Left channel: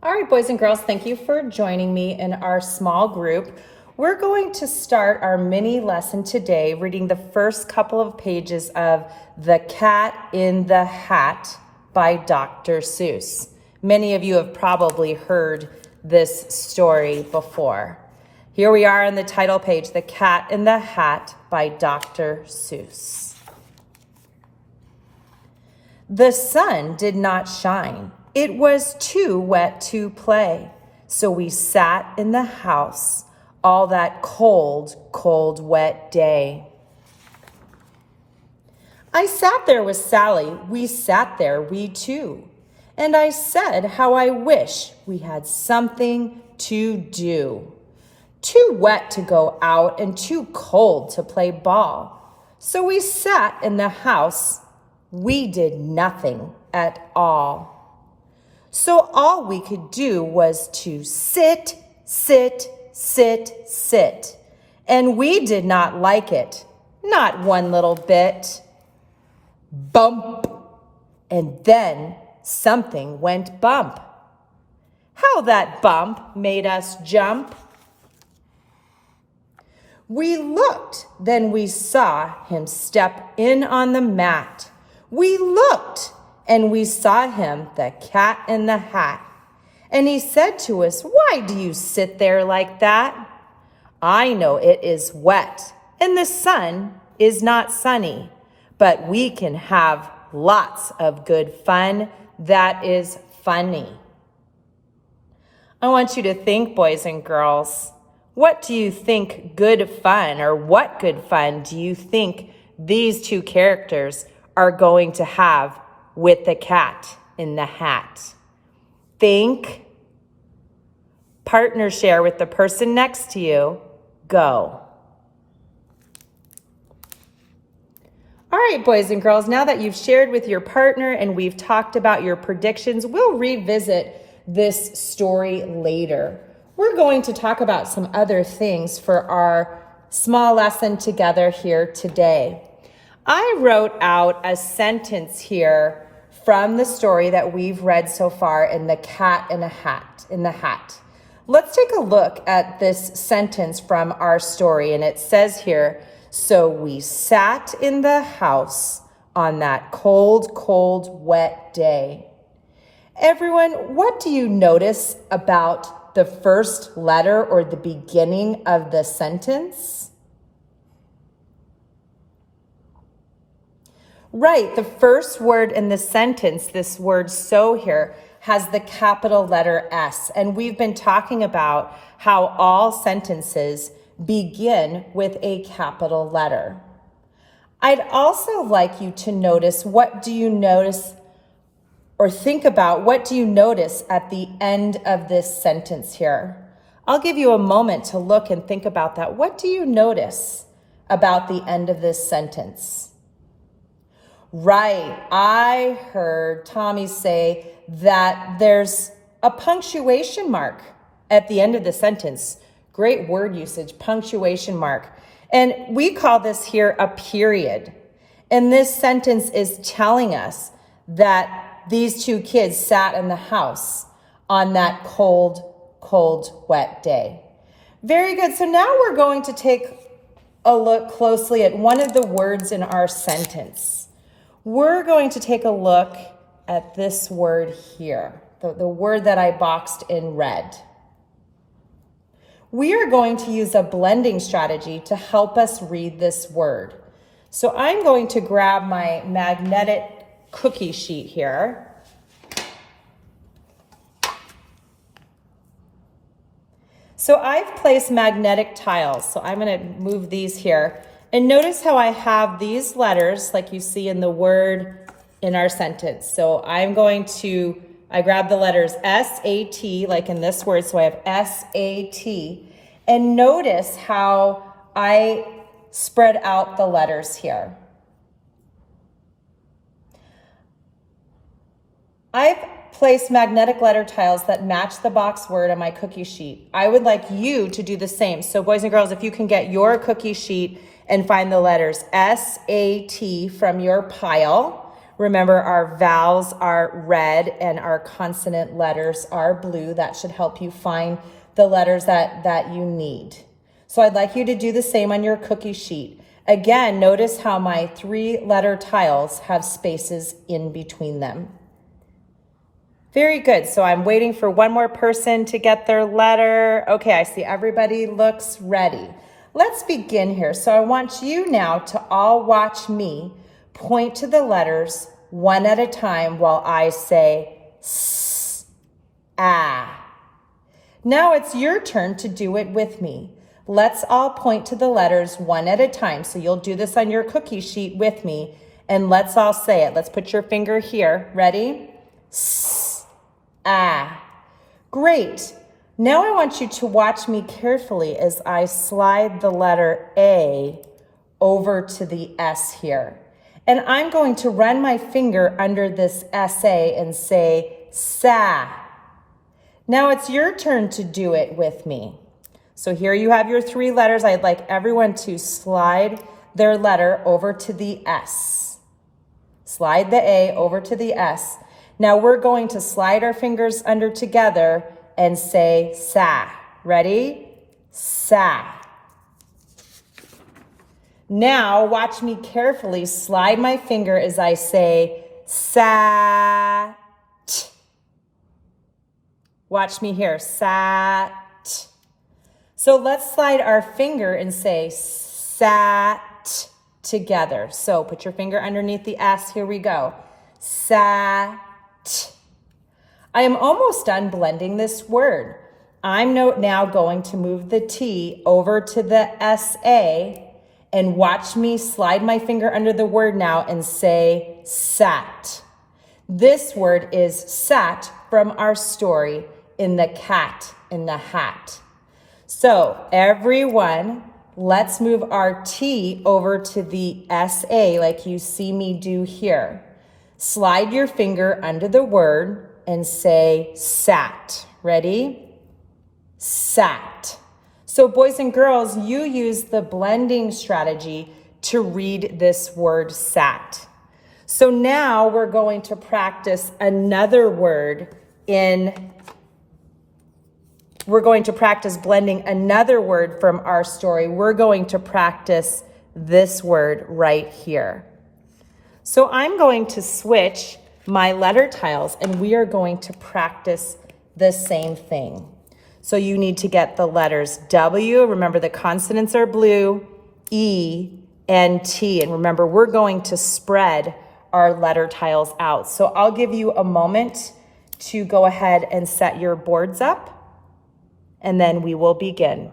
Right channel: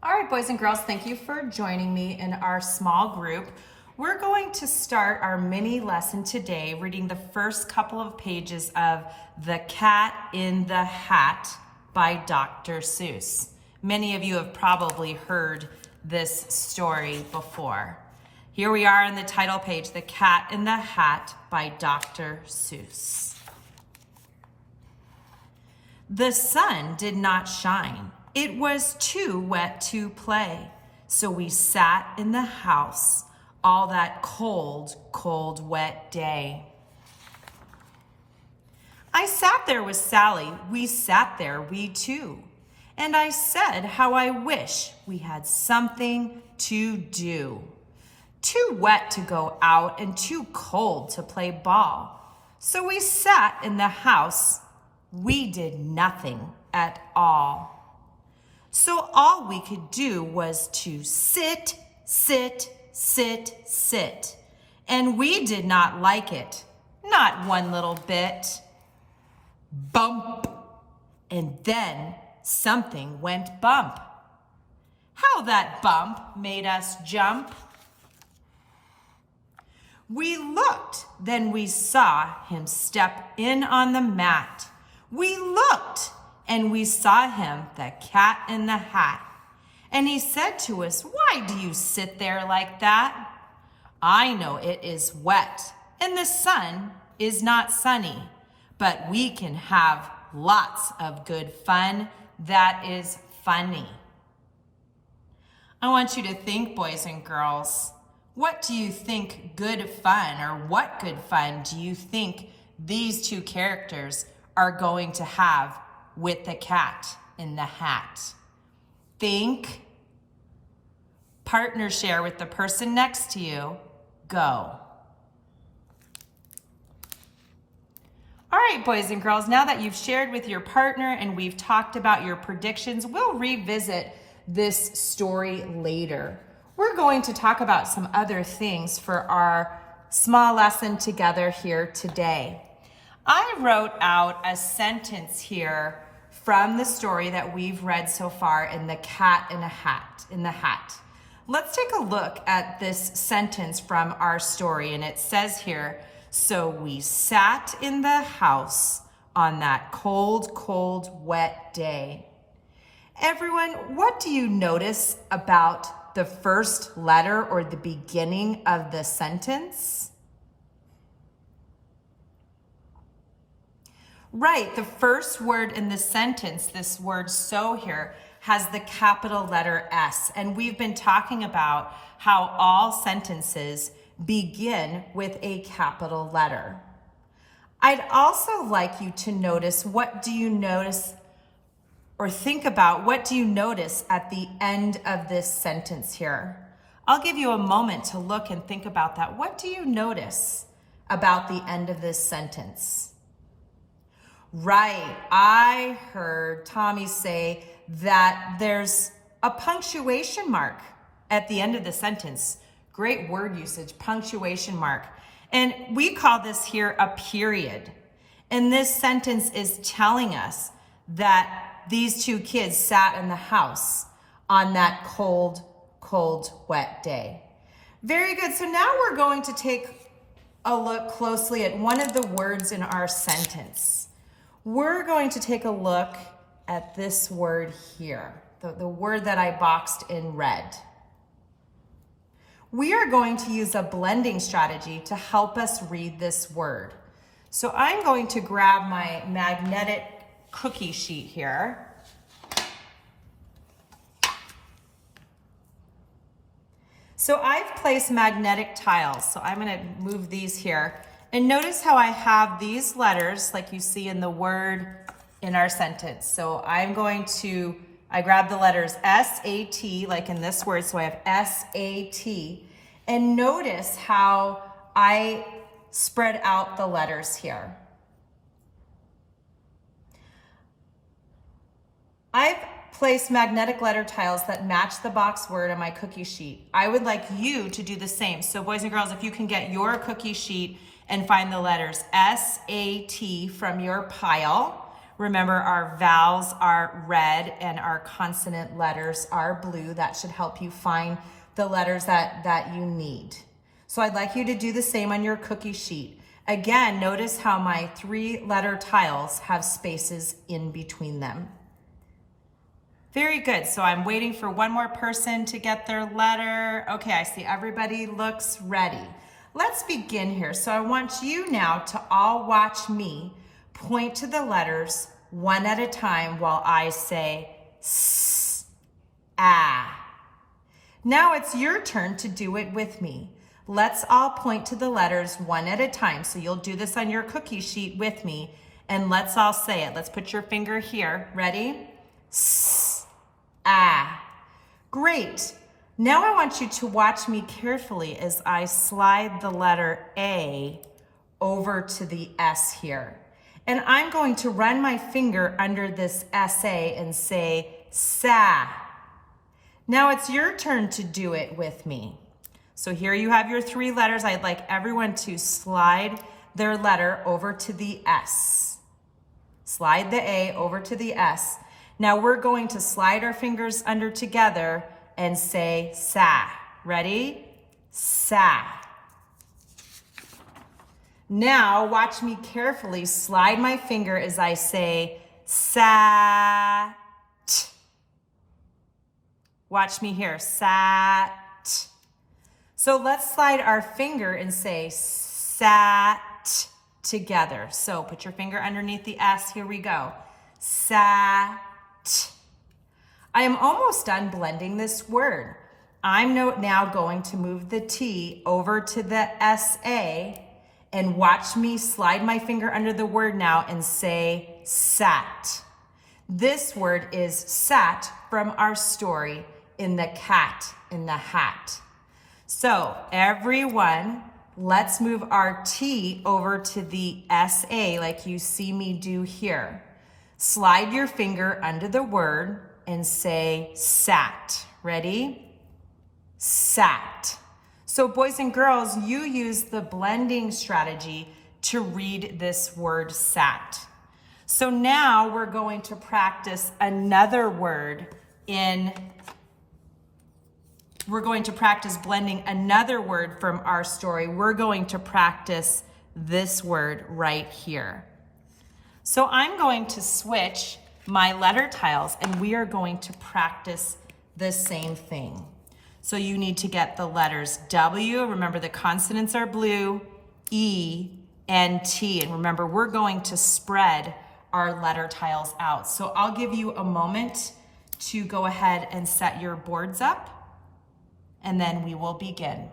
All right, boys and girls, thank you for joining me in our small group. We're going to start our mini lesson today reading the first couple of pages of The Cat in the Hat by Dr. Seuss. Many of you have probably heard this story before. Here we are on the title page, The Cat in the Hat by Dr. Seuss. The sun did not shine. It was too wet to play. So we sat in the house all that cold, cold, wet day. I sat there with Sally. We sat there, we two. And I said how I wish we had something to do. Too wet to go out and too cold to play ball. So we sat in the house. We did nothing at all. So all we could do was to sit, sit, sit, sit. And we did not like it, not one little bit. Bump. And then something went bump. How that bump made us jump. We looked, then we saw him step in on the mat. We looked, and we saw him, the cat in the hat. And he said to us, "Why do you sit there like that? I know it is wet, and the sun is not sunny, but we can have lots of good fun that is funny." I want you to think, boys and girls, what do you think good fun, or what good fun do you think these two characters are going to have with the cat in the hat? Think. Partner share with the person next to you. Go. All right, boys and girls, now that you've shared with your partner and we've talked about your predictions, we'll revisit this story later. We're going to talk about some other things for our small lesson together here today. I wrote out a sentence here from the story that we've read so far in The Cat in the Hat. Let's take a look at this sentence from our story, and it says here, "So we sat in the house on that cold, cold, wet day." Everyone, what do you notice about the first letter or the beginning of the sentence? Right, the first word in the sentence, this word "so" here, has the capital letter S. And we've been talking about how all sentences begin with a capital letter. I'd also like you to notice, what do you notice, or think about, what do you notice at the end of this sentence here? I'll give you a moment to look and think about that. What do you notice about the end of this sentence? Right, I heard Tommy say that there's a punctuation mark at the end of the sentence. Great word usage, punctuation mark. And we call this here a period. And this sentence is telling us that these two kids sat in the house on that cold, cold, wet day. Very good. So now we're going to take a look closely at one of the words in our sentence. We're going to take a look at this word here, the word that I boxed in red. We are going to use a blending strategy to help us read this word. So I'm going to grab my magnetic cookie sheet here. So I've placed magnetic tiles, so I'm going to move these here. And notice how I have these letters like you see in the word in our sentence. So I grab the letters S-A-T, like in this word, so I have S-A-T. And notice how I spread out the letters here. I've placed magnetic letter tiles that match the box word on my cookie sheet. I would like you to do the same. So boys and girls, if you can get your cookie sheet and find the letters S-A-T from your pile, Remember, our vowels are red and our consonant letters are blue. That should help you find the letters that you need. So I'd like you to do the same on your cookie sheet. Again, notice how my 3-letter tiles have spaces in between them. Very good. So I'm waiting for one more person to get their letter. Okay, I see everybody looks ready. Let's begin here. So I want you now to all watch me point to the letters one at a time while I say s, ah. Now it's your turn to do it with me. Let's all point to the letters one at a time. So you'll do this on your cookie sheet with me, and let's all say it. Let's put your finger here. Ready? S, ah. Great. Now I want you to watch me carefully as I slide the letter A over to the S here. And I'm going to run my finger under this SA and say sa. Now it's your turn to do it with me. So here you have your 3 letters. I'd like everyone to slide their letter over to the S. Slide the A over to the S. Now we're going to slide our fingers under together and say sa. Ready? Sa. Now watch me carefully slide my finger as I say sat. Watch me here, sat. So let's slide our finger and say sat together. So put your finger underneath the S. Here we go. Sat. I am almost done blending this word. I'm now going to move the T over to the SA and watch me slide my finger under the word now and say sat. This word is sat from our story in The Cat in the Hat. So everyone, let's move our T over to the SA like you see me do here. Slide your finger under the word and say sat. Ready? Sat. So boys and girls, you use the blending strategy to read this word sat. So now we're going to practice another word we're going to practice blending another word from our story. We're going to practice this word right here. So I'm going to switch my letter tiles and we are going to practice the same thing. So you need to get the letters W, remember the consonants are blue, E, and T. And remember, we're going to spread our letter tiles out. So I'll give you a moment to go ahead and set your boards up, and then we will begin.